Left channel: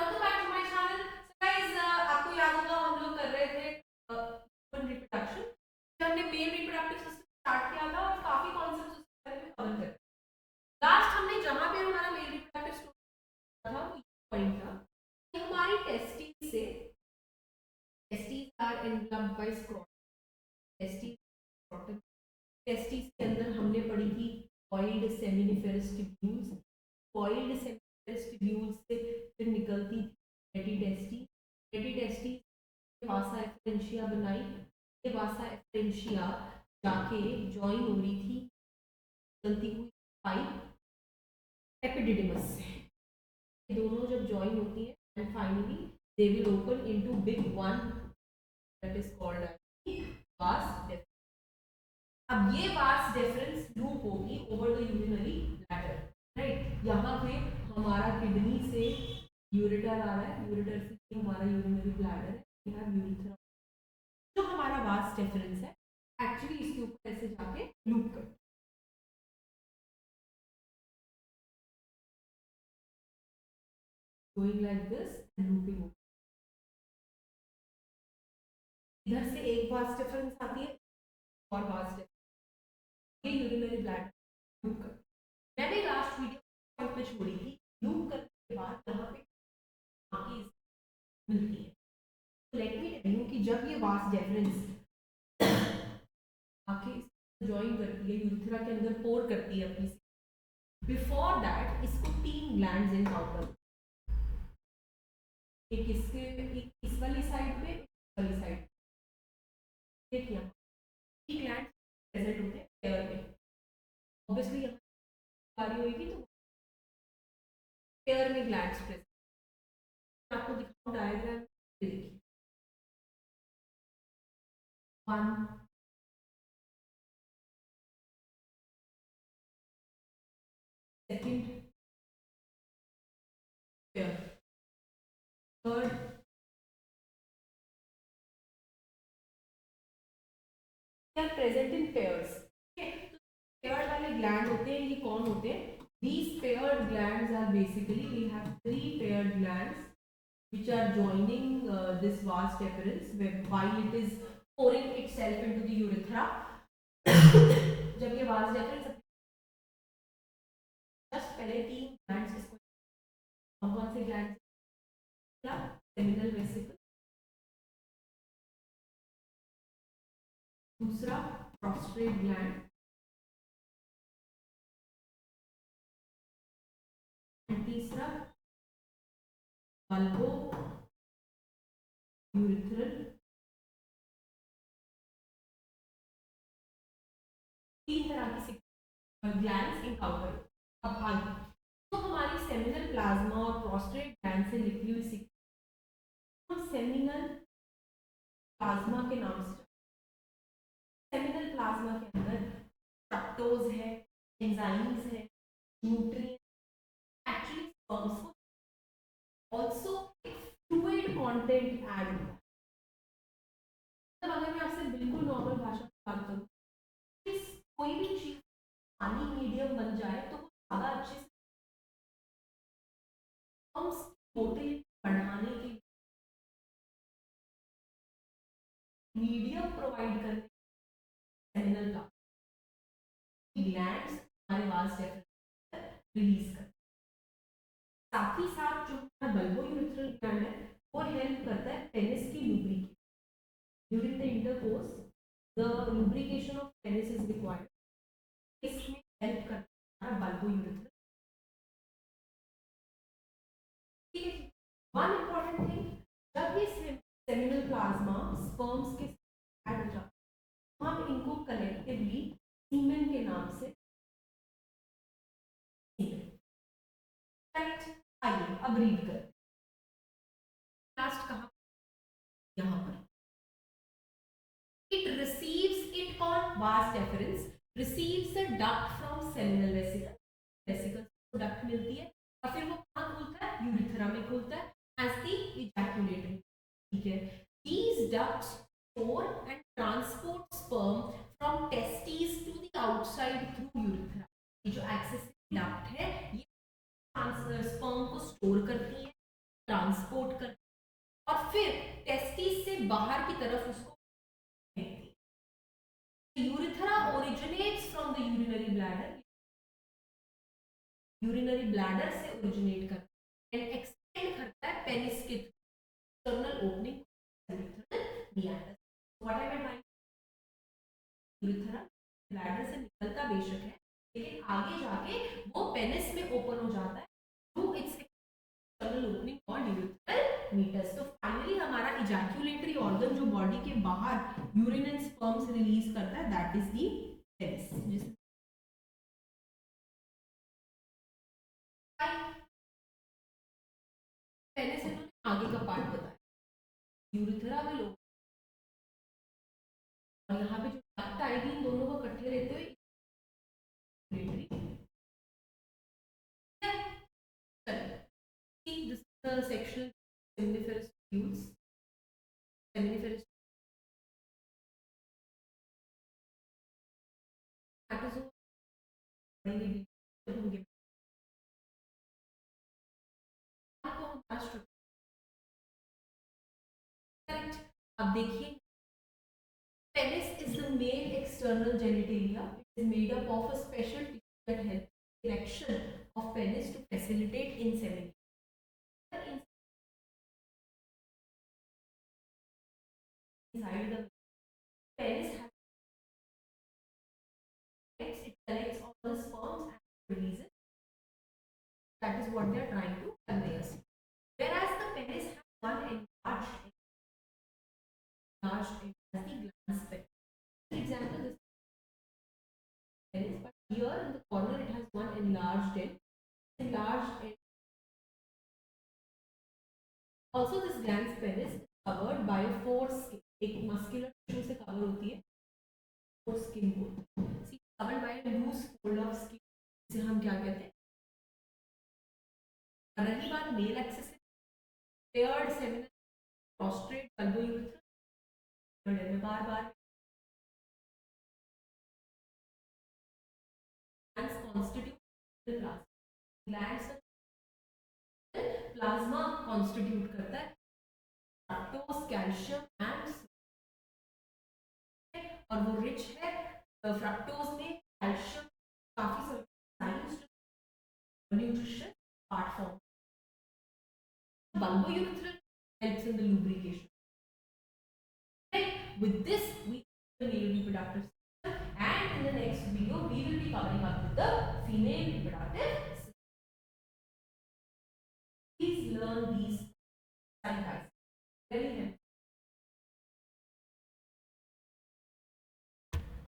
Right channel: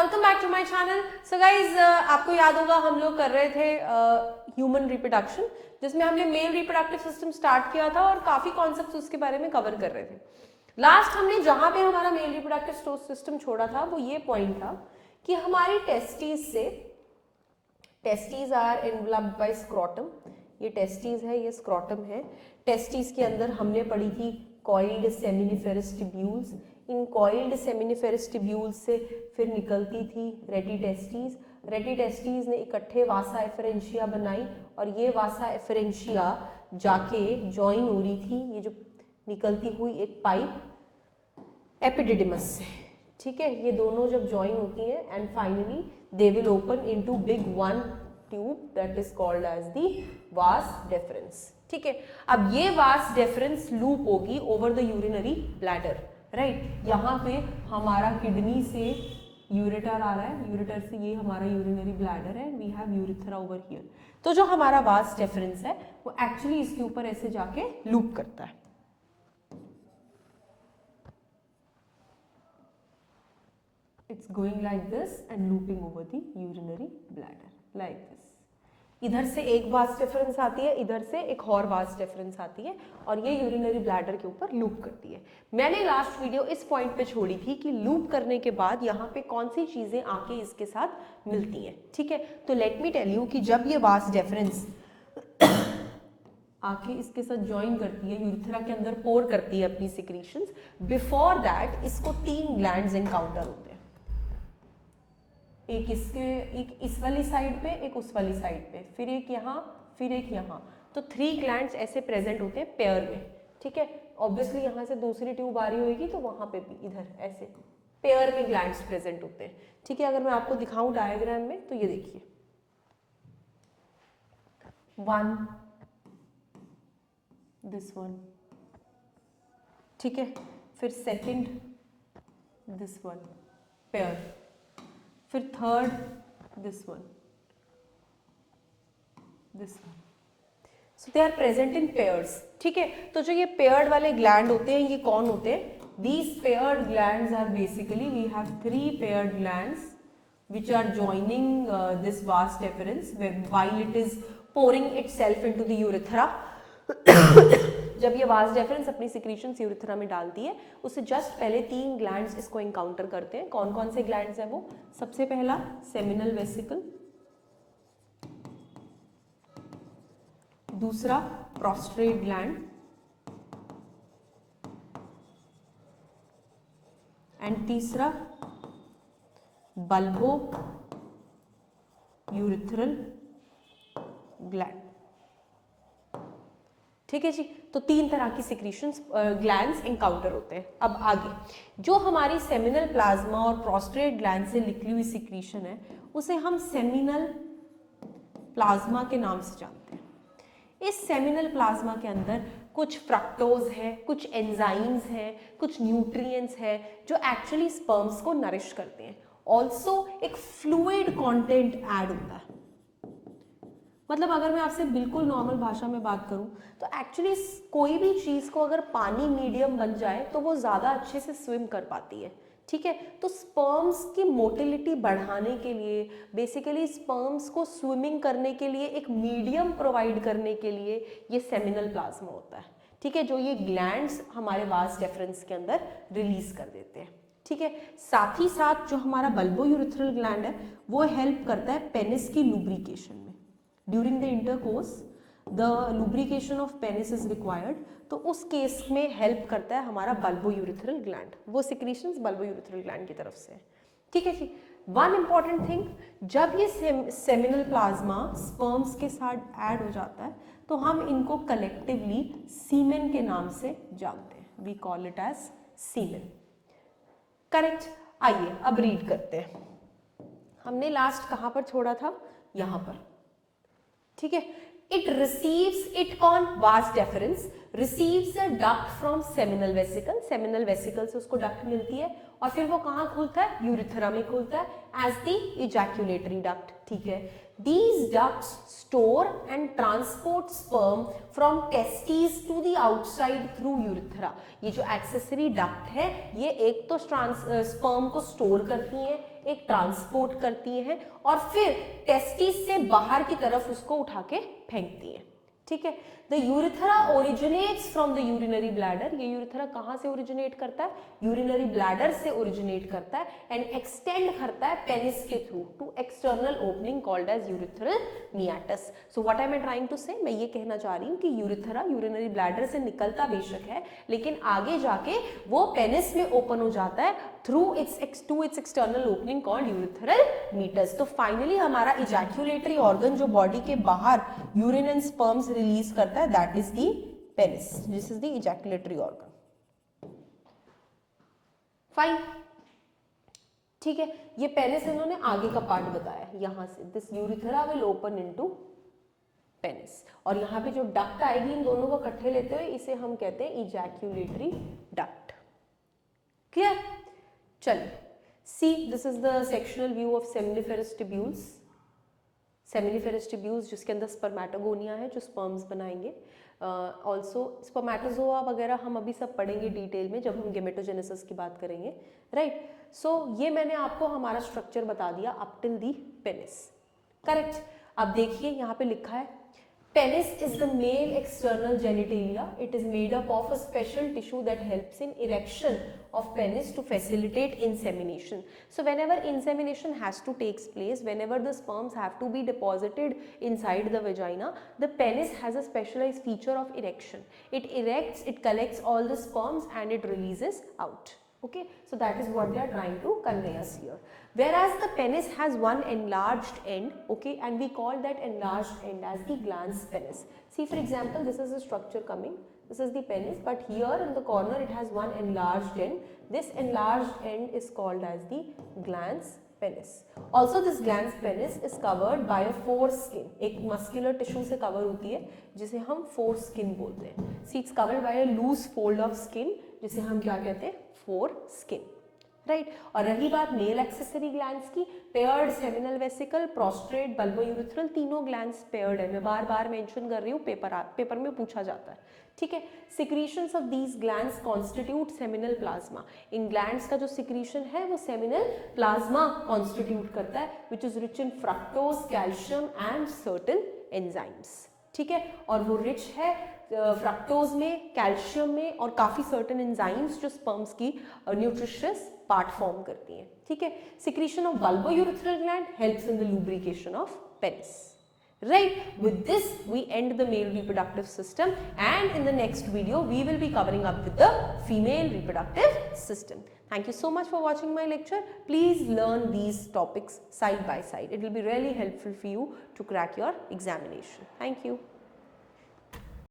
Welcome back to my channel. So guys, आपको याद होगा हम लोग कर रहे थे ह्यूमन रिप्रोडक्शन, जिसमें हमने मेल रिप्रोडक्टिव सिस्टम स्टार्ट किया था और काफी कॉन्सेप्ट्स उसके बारे में कवर कर रहे थे। लास्ट हमने जहां पे हमारा मेल रिप्रोडक्टिव सिस्टम छोड़ा था वो ये पॉइंट था कि हमारी testes are enveloped by scrotum. ये टेस्टीज है, ये स्क्रोटम है। टेस्टीज के अंदर हमने पढ़ी थी कॉइल्ड सेमिनिफेरस ट्यूब्यूल्स। इन कॉइल्ड सेमिनिफेरस ट्यूब्यूल्स से फिर निकलती थी रेडी टेस्टीज। रेडी टेस्टीज ने इकट्ठे वासा एफरेंशिया बनाई और ये वासा एफरेंशिया जाके ज्वाइन हो रही थी, ये जो निकलती हुई एक पाइप एपिडिडिमस से। ठीक है, ये दोनों जब ज्वाइन होती हैं and finally they will open into big one tube that is called as the vas deferens. ठीक है, अब ये वास डेफरेंस लूप होगी over the urinary bladder, right. यहाँ पे हमारा किडनी से यूरेटर आ रहा है, यूरेटर से ये हमारा यूरिनरी ब्लैडर है, we have urethra over here. तो जो हमारा वास डेफरेंस है वो एक्चुअली इसके ऊपर ऐसे जाके लूप करता है। It's going like this and looping over the urinary bladder like this. इधर से एक वास डिफरेंस आती है, इधर से एक और वास डिफरेंस आती है और ये यूरिनरी ब्लैडर के ऊपर लूप करती है। मैंने लास्ट वीडियो इस पॉइंट पे छोड़ी थी कि लूप करने के बाद यहाँ पे कौन सी चीजें आके इसके साथ मिलती हैं। ठीक है, तो लेट मी टेल यू कि जब ये वास डिफरेंस आके इसके साथ ज्वाइन करती है, यूरिथ्रा के अंदर पोर करती है अपनी सिक्रीशंस, बिफोर दैट इसको 3 ग्लैंड्स एनकाउंटर होते हैं। एक इस वाली साइड पे, एक उस वाली साइड पे, फिर एक यहाँ, फिर एक यहाँ। तो 3 ग्लैंड्स ऐसे प्रेजेंट होते हैं पेयर में। ठीक है, ऑब्वियसली यहाँ से दूसरी ट्यूब आ रही होगी तो वहाँ पे भी इधर ऐसे पेयर में ग्लैंड्स प्रेजेंट होते हैं। ठीक है, अगर मैं आपको दिखाऊं डायग्राम में तो ये देखिए, 1 दिस वन, ठीक है, फिर सेकंड दिस वन पेयर, फिर third this one, this one. So they are present in pairs. ठीक है, तो जो ये पेयर्ड वाले ग्लैंड होते हैं ये कौन होते हैं? These paired glands are basically, we have 3 paired glands which are joining this vas deferens while it is pouring itself into the urethra. जब ये वास डेफरेंस अपनी सिक्रीशंस यूरिथ्रा में डालती है उससे जस्ट पहले 3 ग्लैंड्स इसको एनकाउंटर करते हैं। कौन कौन से ग्लैंड्स हैं वो? सबसे पहला सेमिनल वेसिकल, दूसरा प्रोस्ट्रेट ग्लैंड एंड तीसरा बल्बो यूरिथ्रल ग्लैंड। ठीक है जी, तो 3 तरह की सिक्रीशंस ग्लैंड्स एनकाउंटर होते हैं। अब आगे जो हमारी सेमिनल प्लाज्मा और प्रोस्ट्रेट ग्लैंड से निकली हुई सिक्रीशन है उसे हम सेमिनल प्लाज्मा के नाम से जानते हैं। इस सेमिनल प्लाज्मा के अंदर कुछ फ्रक्टोज है, कुछ एंजाइम्स हैं, कुछ न्यूट्रिएंट्स है जो एक्चुअली स्पर्म्स को नरिश करते हैं। ऑल्सो एक फ्लूइड कंटेंट ऐड होता है। मतलब अगर मैं आपसे बिल्कुल नॉर्मल भाषा में बात करूं तो एक्चुअली कोई भी चीज को अगर पानी मीडियम बन जाए तो वो ज्यादा अच्छे से स्विम कर पाती है। ठीक है, तो स्पर्म्स की मोटिलिटी बढ़ाने के लिए, बेसिकली स्पर्म्स को स्विमिंग करने के लिए एक मीडियम प्रोवाइड करने के लिए ये सेमिनल प्लाज्मा होता है। ठीक है, जो ये ग्लैंड्स हमारे वास डेफरेंस के अंदर रिलीज कर देते हैं। ठीक है, साथ ही साथ जो हमारा बल्बो यूरिथ्रल ग्लैंड है वो हेल्प करता है पेनिस की लुब्रिकेशन में। During the intercourse the lubrication of penis is required, तो उस केस में हेल्प करता है हमारा बल्बो यूरिथ्रल ग्लैंड। वो सिक्रीशंस बल्बो यूरिथ्रल ग्लैंड की तरफ से। ठीक है जी, वन इंपॉर्टेंट थिंग, जब ये सेमिनल प्लाज्मा स्पर्म्स के साथ ऐड हो जाता है तो हम इनको कलेक्टिवली सीमेन के नाम से जानते हैं। We call it as semen. Correct. आइए अब रीड करते हैं। हमने लास्ट कहां पर छोड़ा था? यहां पर। ठीक है, इट रिसीव्स, इट कौन? Vas deferens receives a duct from seminal vesicle. Seminal vesicle से उसको डक्ट मिलती है और फिर वो कहां खुलता है? यूरिथ्रा में खुलता है एज द इजैक्यूलेटरी डक्ट। ठीक है, these ducts store and transport sperm from testes to the outside through urethra. ये जो एक्सेसरी डक्ट है ये एक तो स्पर्म को स्टोर करती है, एक ट्रांसपोर्ट करती हैं और फिर टेस्टिस से बाहर की तरफ उसको उठा के फेंकती हैं, ठीक है। The urethra originates from the urinary bladder, ये यूरिथ्रा कहाँ से ओरिजिनेट करता है, यूरिनरी ब्लैडर से ओरिजिनेट करता है एंड एक्सटेंड करता है पेनिस के through to external opening called as urethral meatus. So what I am trying to say, मैं ये कहना चाह रही हूँ कि यूरिथ्रा यूरिनरी ब्लैडर से निकलता बेशक है, लेकिन आगे जाके वो पेनिस में ओपन हो जाता है through its external opening called urethral meatus। तो फाइनली हमारा इजैक्यूलेटरी ऑर्गन जो बॉडी के बाहर यूरिन एंड स्पर्म्स रिलीज करता है, that is the penis, this is the ejaculatory organ. Fine, ठीक है। ये पेनिस इन्होंने आगे का पार्ट बताया, यहां से this urethra will open into penis, और यहाँ पे जो डक्ट आएगी इन दोनों को इकट्ठे लेते हुए इसे हम कहते हैं इजैक्यूलेटरी डक्ट। क्लियर? चलिए, see this is the sectional view of seminiferous tubules. Seminiferous tubules जिसके अंदर स्पर्मेटोगोनिया है जो स्पर्म्स बनाएंगे। ऑल्सो स्पर्मेटोजोआ वगैरह हम अभी सब पढ़ेंगे डिटेल में जब हम गेमेटोजेनेसिस की बात करेंगे, राइट। सो ये मैंने आपको हमारा स्ट्रक्चर बता दिया up till the penis, correct. अब देखिए यहाँ पे लिखा है penis is the male external genitalia. It is made up of a special tissue that helps in erection of penis to facilitate insemination. So whenever insemination has to take place, whenever the sperms have to be deposited inside the vagina, the penis has a specialized feature of erection. It erects, it collects all the sperms and it releases out. Okay, so that is what they are trying to convey us here. Whereas the penis has one enlarged end, okay, and we call that enlarged end as the glans penis. See, for example, this is the structure coming, this is the penis, but here in the corner it has one enlarged end. This enlarged end is called as the glans penis. Also this glans penis is covered by a foreskin, एक muscular tissue से cover होती है जिसे हम foreskin बोलते हैं। See, it's covered by a loose fold of skin जिसे हम क्या कहते हैं, foreskin, राइट। और रही बात मेल एक्सेसरी ग्लैंड्स की, paired seminal vesicle, prostate, bulbourethral, तीनों ग्लैंड्स पेयर्ड है। मैं बार बार मेंशन कर रही हूँ, पेपर में पूछा जाता है, ठीक है। Secretions of these glands constitute seminal plasma. In glands का जो सिक्रीशन है वो सेमिनल प्लाज्मा कॉन्स्टिट्यूट करता है, which is rich in fructose, calcium and certain enzymes, ठीक है। और वो रिच है फ्रक्टोज में, कैल्शियम में और काफी सर्टेन एंजाइम्स जो स्पर्म्स की न्यूट्रिशियस पार्ट फॉर्म करती हैं, ठीक है। Secretion of bulbourethral gland helps in the lubrication of penis, right? With this we end the male reproductive system, and in the next video we will be covering up with the female reproductive system. Thank you so much for watching my lecture. Please learn these topics side by side. It will be really helpful for you to crack your examination. Thank you.